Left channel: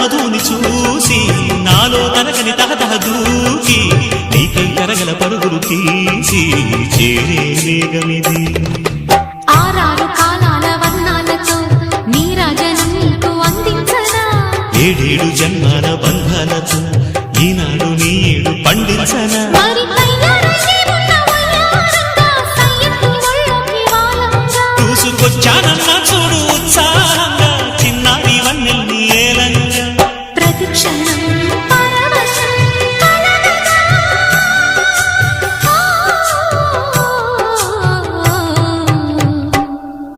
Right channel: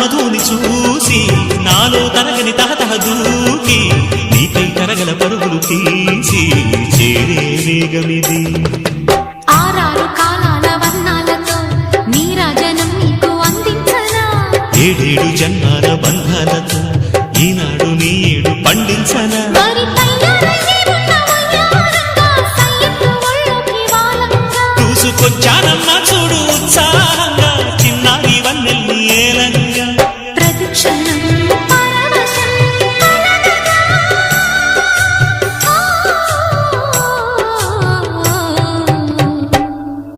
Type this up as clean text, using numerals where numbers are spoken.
మధుని చూసి నాలో తరగని తహతహ దూకి నీకై తరగల పరుగులు తీసి చేరే వేగమిది ఆరారు కాలాల వర్ణాలతో నీరాజనం నీకు అందించనా ఏడేడు జన్మాల బంధాలతో ఈనాడు నీ ఏడు పండించనా మరి తయారయ్యే ఉన్న వయ్యారంగా సయ్యత్తు ఒళ్ళోకి వాలంగా చూసుకొచ్చానమ్మా చూడు ఉత్సాహంగా చిన్నారి వన్నెల్ని ఏలంగా ప్రతిక్షణం